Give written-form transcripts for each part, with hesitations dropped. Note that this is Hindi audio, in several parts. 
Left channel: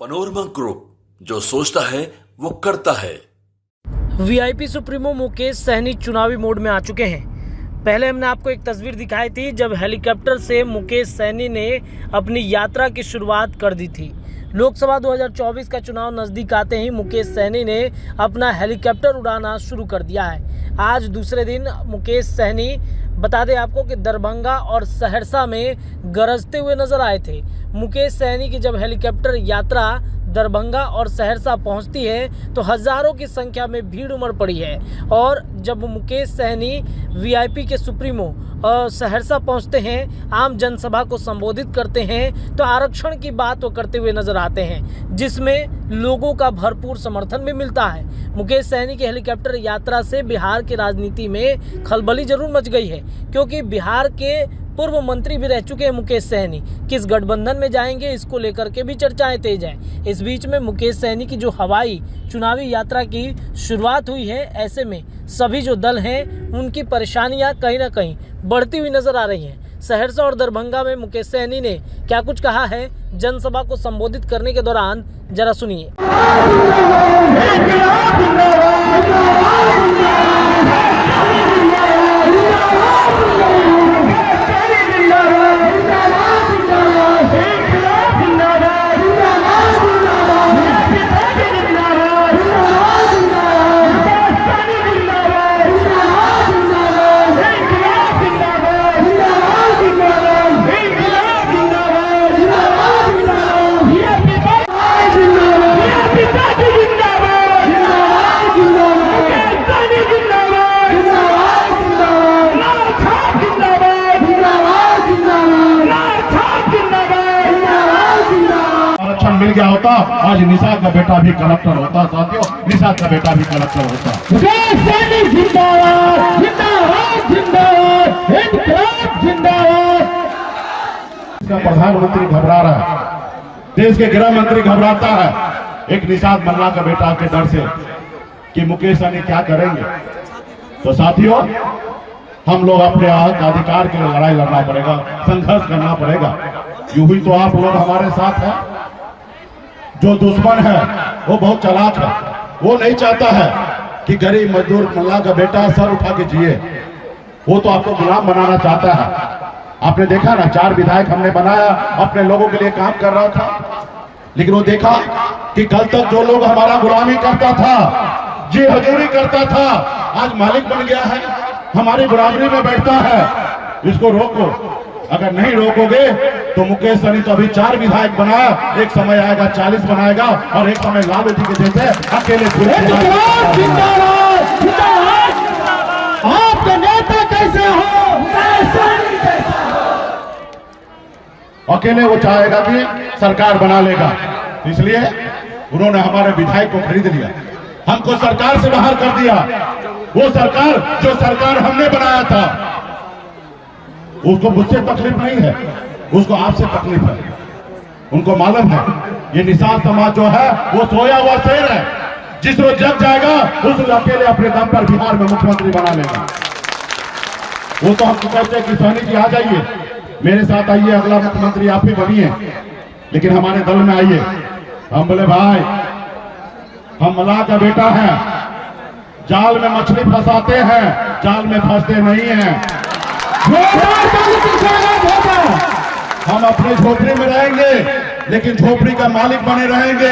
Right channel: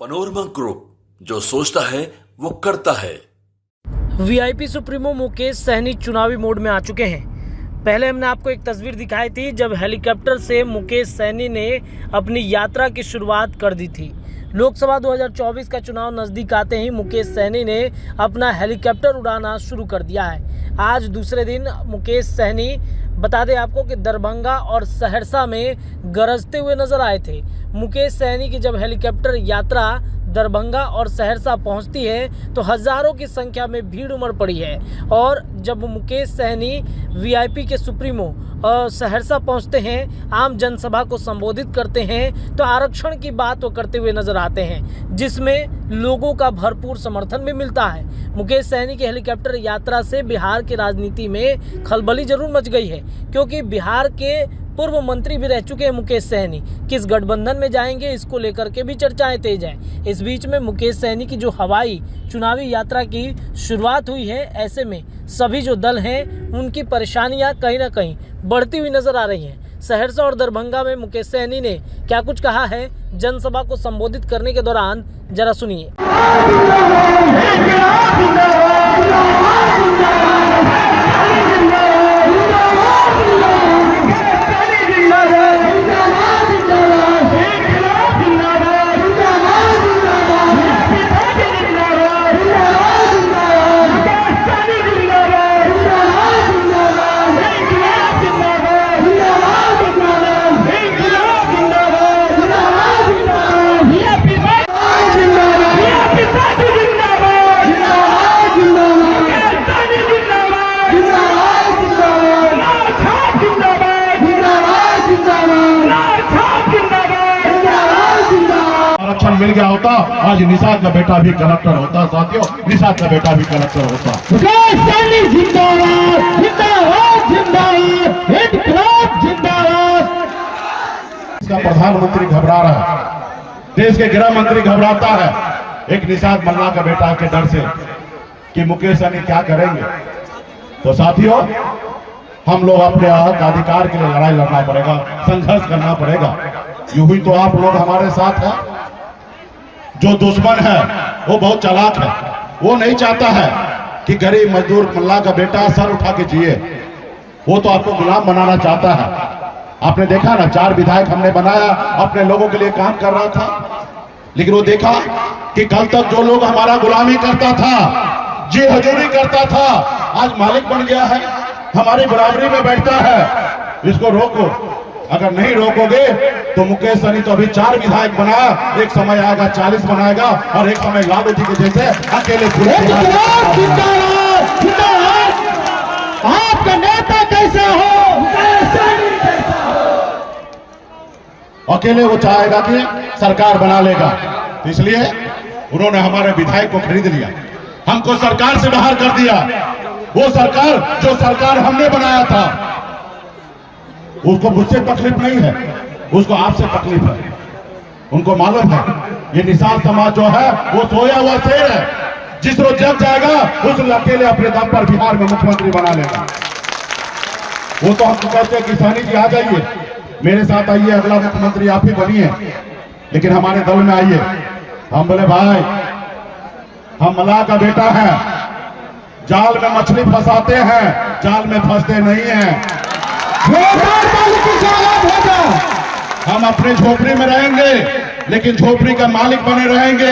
पनोरमा ग्रुप, जो सोचता है वो करता है। वीआईपी सुप्रीमो मुकेश सहनी चुनावी मोड में आ चुके हैं। पहले हमने आपको एक तस्वीर दिखाई थी जब हेलीकॉप्टर से मुकेश सहनी ने अपनी यात्रा की शुरुआत कर दी थी। लोकसभा 2024 का चुनाव नज़दीक आते ही मुकेश सहनी ने अपना हेलीकॉप्टर उड़ाना शुरू कर दिया है। आज दूसरे दिन मुकेश सहनी बता दें आपको कि दरभंगा और सहरसा में गरजते हुए नजर आए थे। मुकेश सहनी की जब हेलीकॉप्टर यात्रा दरभंगा और सहरसा पहुंचती है तो हज़ारों की संख्या में भीड़ उमड़ पड़ी है। और जब मुकेश सहनी वीआईपी के सुप्रीमो सहरसा पहुंचते हैं, आम जनसभा को संबोधित करते हैं, तो आरक्षण की बात वो करते हुए नजर आते हैं, जिसमें लोगों का भरपूर समर्थन भी मिलता है। मुकेश सहनी की हेलीकॉप्टर यात्रा से बिहार की राजनीति में खलबली जरूर मच गई है, क्योंकि बिहार के पूर्व मंत्री भी रह चुके हैं मुकेश सहनी। किस गठबंधन में जाएंगे, इसको लेकर के भी चर्चाएं तेज हैं। इस बीच में मुकेश सहनी की जो हवाई चुनावी यात्रा की शुरुआत हुई है, ऐसे में सभी जो दल हैं उनकी परेशानियां कहीं ना कहीं बढ़ती हुई नजर आ रही हैं। सहरसा और दरभंगा में मुकेश सहनी ने क्या कुछ कहा है जनसभा को संबोधित करने के दौरान, जरा सुनिए। आरक्षण मिल गया होता, आज निषाद का बेटा भी कलेक्टर होता। साथियों, निषाद का बेटा भी कलेक्टर होता। इसका प्रधानमंत्री घबरा रहा है, देश के गृह मंत्री घबराता है एक निषाद मल्ला का बेटा के डर से कि मुकेश सहनी क्या करेंगे। तो साथियों, हम लोग अपने हक अधिकार के लिए लड़ाई लड़ना पड़ेगा, संघर्ष करना पड़ेगा। यूं ही तो आप लोग हमारे साथ हैं। जो दुश्मन है वो बहुत चालाक है, वो नहीं चाहता है कि गरीब मजदूर मल्ला का बेटा सर उठा के जिए। वो तो आपको गुलाम बनाना चाहता है। आपने देखा ना, 4 विधायक हमने बनाया, अपने लोगों के लिए काम कर रहा था, लेकिन वो देखा कि कल तक जो लोग हमारा गुलामी करता था, जी हजूरी करता था, आज मालिक बन गया है, हमारी बराबरी में बैठता है। इसको रोको। अगर नहीं रोकोगे तो मुकेश सहनी तो अभी 4 विधायक बनाया, एक समय आएगा 40 बनाएगा, और एक समय लालू जी के जैसे अकेले पूरे। आपके नेता कैसे हो? अकेले वो चाहेगा कि सरकार बना लेगा, इसलिए उन्होंने हमारे विधायक को खरीद लिया, हमको सरकार से बाहर कर दिया। वो सरकार जो सरकार हमने बनाया था, उसको मुझसे तकलीफ नहीं है, उसको आपसे तकलीफ है। उनको मालूम है ये निषाद समाज जो है वो सोया हुआ शेर है, जिस रोज जग जाएगा उस रोज अकेले अपने दम पर बिहार में मुख्यमंत्री बना लेगा। वो तो हमको कहते हैं कि सहनी जी आ जाइए, मेरे साथ आइए, अगला मुख्यमंत्री आप ही बनिए, लेकिन हमारे दल में आइए। हम बोले भाई, हम मल्लाह का बेटा है, जाल में मछली फंसाते हैं, जाल में फंसते नहीं हैं। हम अपने झोपड़ी में रहेंगे, लेकिन झोपड़ी का मालिक बने रहेंगे।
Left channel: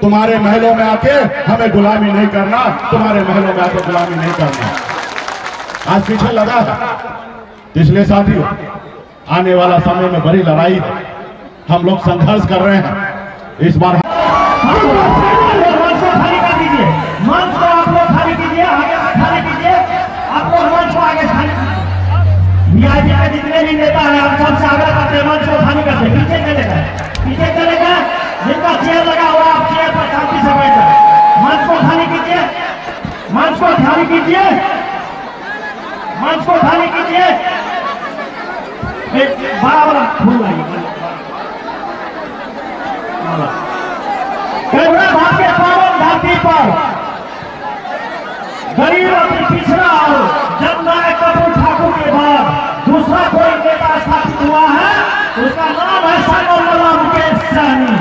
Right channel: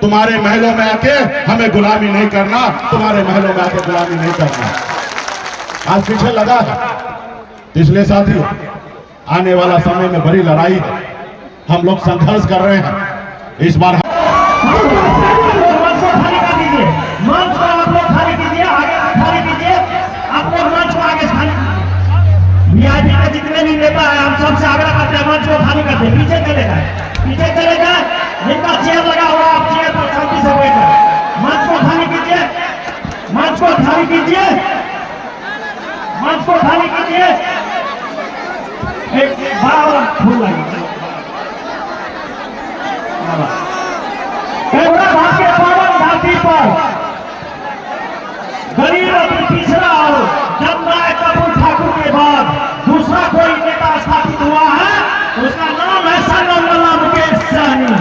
तुम्हारे महलों में आके हमें गुलामी नहीं करना, तुम्हारे महलों में आके गुलामी नहीं करना। आज पीछे लगा है। इसलिए साथियों, आने वाला समय में बड़ी लड़ाई है, हम लोग संघर्ष कर रहे हैं। इस बार वीआईपी के जितने भी नेता हैं, हम सबसे आग्रह करते हैं मंच को खाली करते। पीछे चले जाए, पीछे चले जाए, जिनका चेयर लगा हुआ आप चेयर पर शांति से बैठ जाए। मंच को खाली कीजिए, मंच को खाली कीजिए, मंच को खाली कीजिए। एक बड़ा फूल आइए भाग के पावन धरती पर गरीब और पिछड़ा और जननायक कपूर ठाकुर के बाद दूसरा कोई नेता स्थापित हुआ है, उसका नाम है मुकेश सहनी।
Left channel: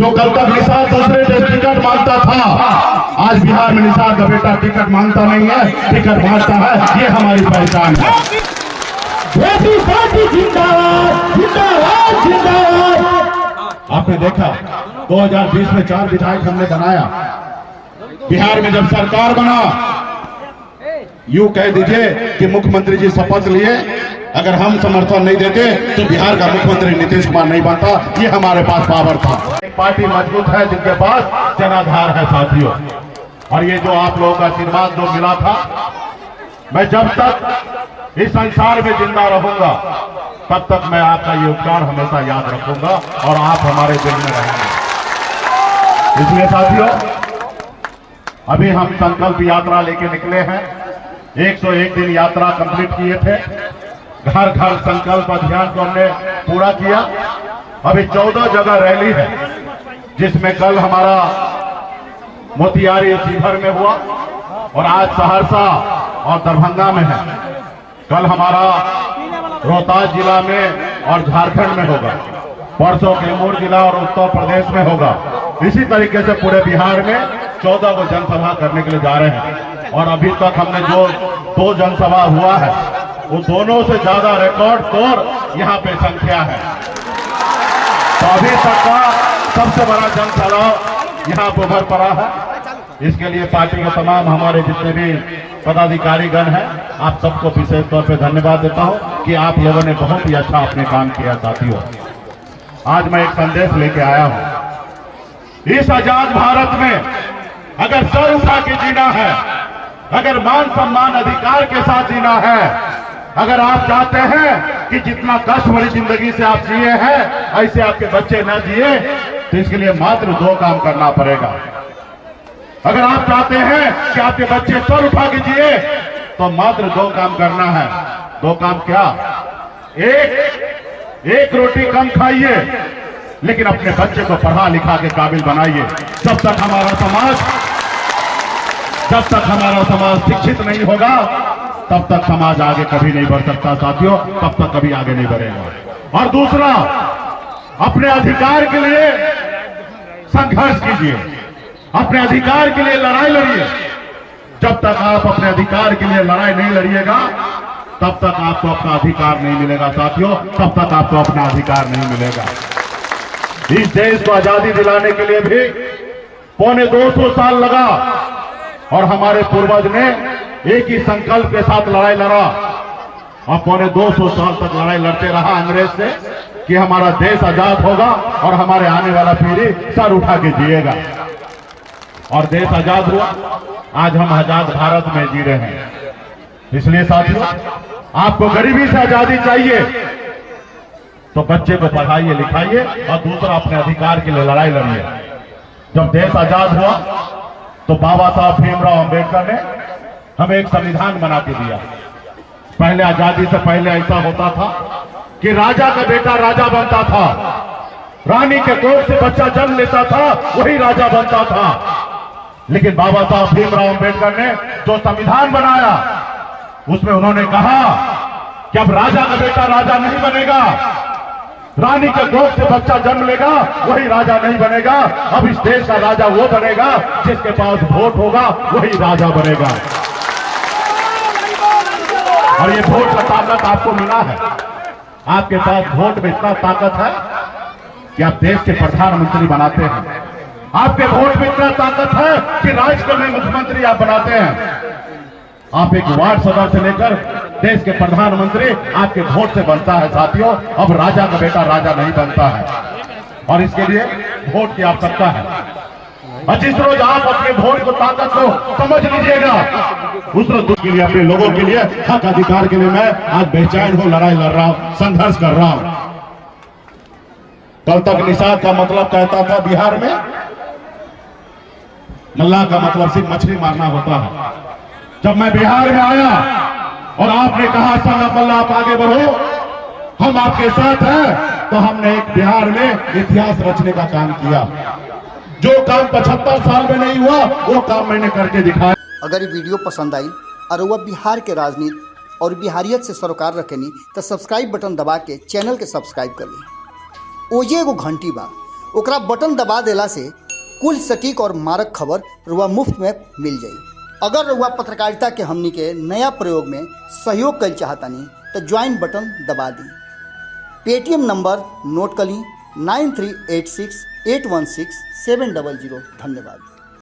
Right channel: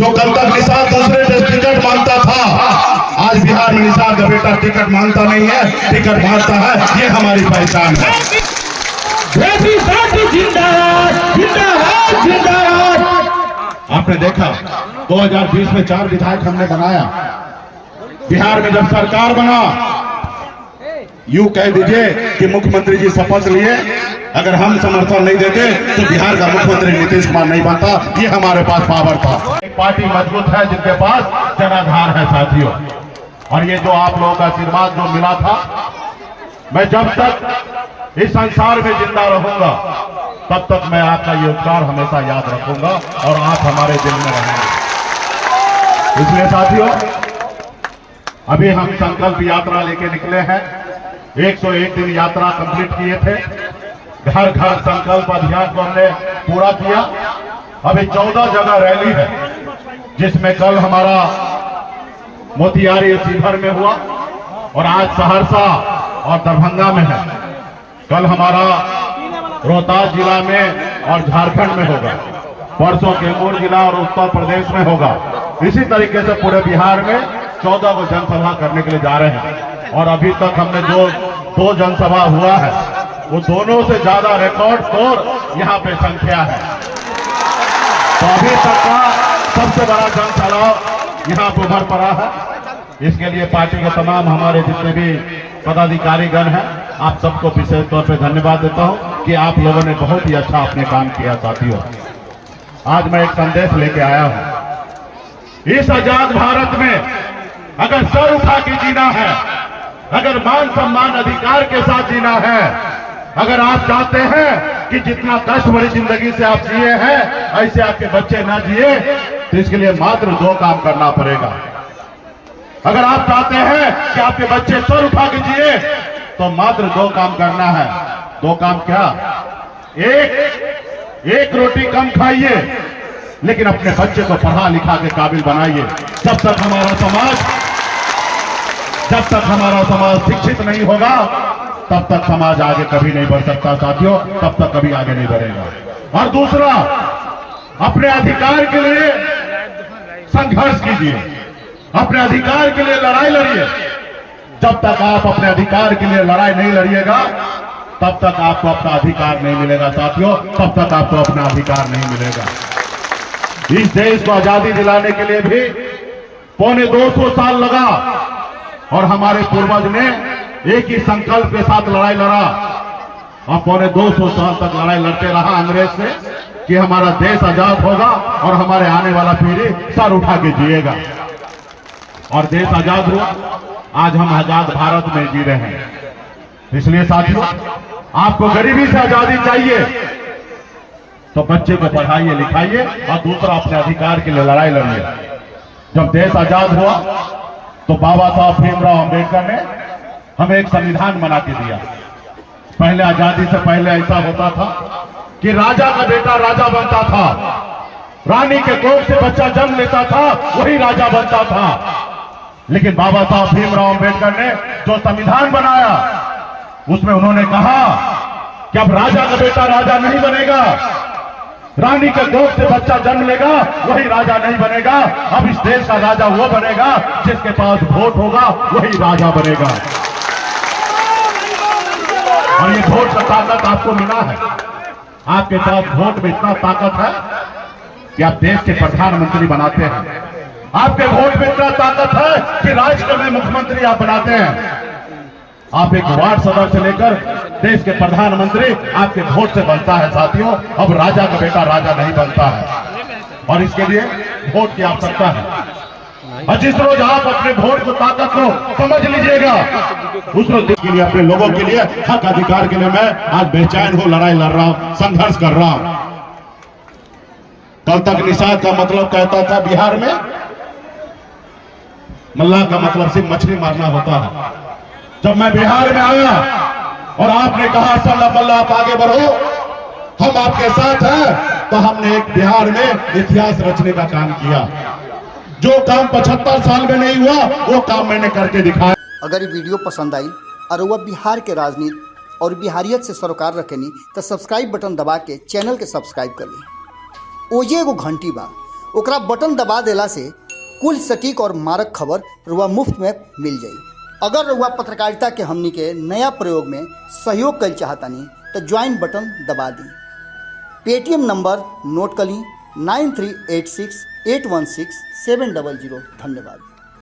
जो कल तक निषाद दूसरे से टिकट मांगता था, आज बिहार में निषाद का बेटा टिकट मांगता नहीं है, टिकट बांटता है। ये हमारी पहचान है। आपने देखा 2020 में 4 विधायक हमने बनाया। बिहार में जब सरकार बना, यूं कह दीजिए कि मुख्यमंत्री जी शपथ लिए, अगर हम समर्थन नहीं देते तो बिहार का मुख्यमंत्री नीतीश कुमार नहीं बनता। ये हमारे पास पावर था। एक पार्टी मजबूत है जिनके पास जनाधार है साथियों। और ये जो आप लोगों का आशीर्वाद जो मिला था, मैं जब तक इस संसार में जिंदा रहूंगा तब तक मैं आपका ये उपकार हमेशा याद रखूंगा और आप हमारे दिल में रहेंगे। इसलिए साथियों, अभी हम संकल्प यात्रा लेके निकले हैं। 101 दिन यात्रा कंप्लीट किए थे। घर घर संकल्प अभियान को हमने पूरा किया। अभी 14 जगह रैली है, जिसमें कल हमारा मोतिहारी शिवहर में हुआ और आज सहरसा और दरभंगा में है। कल हमारा रोहतास जिला में और झारखंड में होगा। परसों कैमूर जिला और उत्तर प्रदेश में होगा। इसी तरीके से पूरे बिहार में 14 को जनसभा करने के लिए जा रहे हैं। और अभी तक हमने जो 2 जनसभा हुआ है, वो दोनों से ज्यादा रिकॉर्ड तोड़ यहाँ पे संख्या है। तो अभी तक का सबसे बड़ा जनसभा यहाँ पे उभर पड़ा है। इसके लिए पार्टी के तमाम हमारे जितने भी पदाधिकारीगण हैं, आप सबको विशेष तौर पे धन्यवाद देता हूं कि आप लोगों ने बहुत ही अच्छा अपने काम किया। साथियों, आज मैं एक संदेश लेके आया हूं। इस आजाद भारत में अगर सर उठा के जीना है, अगर मान सम्मान अधिकार के साथ जीना है, अगर आप चाहते हैं कि जितना कष्ट भरी जिंदगी से आप जिए हैं ऐसे आपके बच्चे न जिए, तो इसके लिए मात्र 2 काम करना पड़ेगा। अगर आप चाहते हैं कि आपके बच्चे सर उठा के जिए, तो मात्र 2 काम करना है। 2 काम क्या? एक रोटी कम खाइए, लेकिन अपने बच्चे को पढ़ा लिखा के काबिल बनाइए। जब तक हमारा समाज शिक्षित नहीं होगा, तब तक समाज आगे कभी नहीं बढ़ सकता साथियों, तब तक कभी आगे नहीं बढ़ेगा। और दूसरा, अपने अधिकार के लिए संघर्ष कीजिए, अपने अधिकार के लिए लड़ाई लड़िए। जब तक आप अपने अधिकार के लिए लड़ाई नहीं लड़िएगा, तब तक आपको अपना अधिकार नहीं मिलेगा साथियों, तब तक आपको अपना अधिकार नहीं मिलेगा। इस देश को आजादी दिलाने के लिए भी 250 साल लगा और हमारे पूर्वज ने एक ही संकल्प के साथ लड़ाई लड़ा और 250 साल तक लड़ाई लड़ते रहा अंग्रेज से कि हमारा देश आजाद होगा और हमारे आने वाला पीढ़ी सर उठा के जिएगा। और देश आजाद हुआ, आज हम आजाद भारत में जी रहे हैं। इसलिए साथियों, आपको गरीबी से आजादी चाहिए तो बच्चे को पढ़ाइए लिखाइए और दूसरा अपने अधिकार के लिए लड़ाई लड़िए। जब देश आजाद हुआ तो बाबा साहब भीमराव अंबेडकर ने हमें एक संविधान बना के दिया। पहले आजादी से पहले ऐसा होता था कि राजा का बेटा राजा बनता था, रानी के कोख से बच्चा जन्म लेता था, वही राजा बनता था। लेकिन बाबा साहब भीमराव अंबेडकर ने जो संविधान बनाया, उसमें उन्होंने कहा कि अब राजा का बेटा राजा नहीं बनेगा, रानी के गोद से बच्चा जन्म लेगा वही राजा नहीं बनेगा। अब इस देश का राजा वो बनेगा जिसके पास वोट होगा, वही राजा बनेगा। और ये वोट का ताकत आपको मिला है। आपके पास वोट में इतना ताकत है कि आप देश के प्रधानमंत्री बनाते हैं। आपके वोट में इतना ताकत है कि राज्य का भी मुख्यमंत्री आप बनाते हैं। आप एक वार्ड सदस्य से लेकर देश के प्रधानमंत्री आपके वोट से बनता है साथियों। अब राजा का बेटा राजा नहीं बनता है और इसके लिए वोट की आवश्यकता है। और जिस रोज आप अपने वोट को ताकत को समझ लीजिएगा, उस रोज के लिए, अपने लोगों के लिए, हक अधिकार के लिए मैं आज बेचैन हूं, लड़ाई लड़ रहा हूं, संघर्ष कर रहा हूं। कल तक निषाद का मतलब कहता था बिहार में मल्लाह का मतलब सिर्फ मछली मारना होता है। जब मैं बिहार में आया और आपने कहा सल्ला बल्ला आप आगे बढ़ो, हम आपके साथ हैं, तो हमने एक बिहार में इतिहास रचने का काम किया। जो काम 75 साल में नहीं हुआ वो काम मैंने करके दिखाया। अगर ये वीडियो पसंद आई और वह बिहार के राजनीति और बिहारियत से सरोकार रखेनी तो सब्सक्राइब बटन दबा के चैनल के सब्सक्राइब कर ली। ओजे एगो घंटी बा, ओकरा बटन दबा देला से कुल सटीक और मारक खबर रुआ मुफ्त में मिल जाई। अगर रुआ पत्रकारिता के हमनी के नया प्रयोग में सहयोग कर चाहतानी तो ज्वाइन बटन दबा दी। पेटीएम नंबर नोट कर ली 9386816700। धन्यवाद।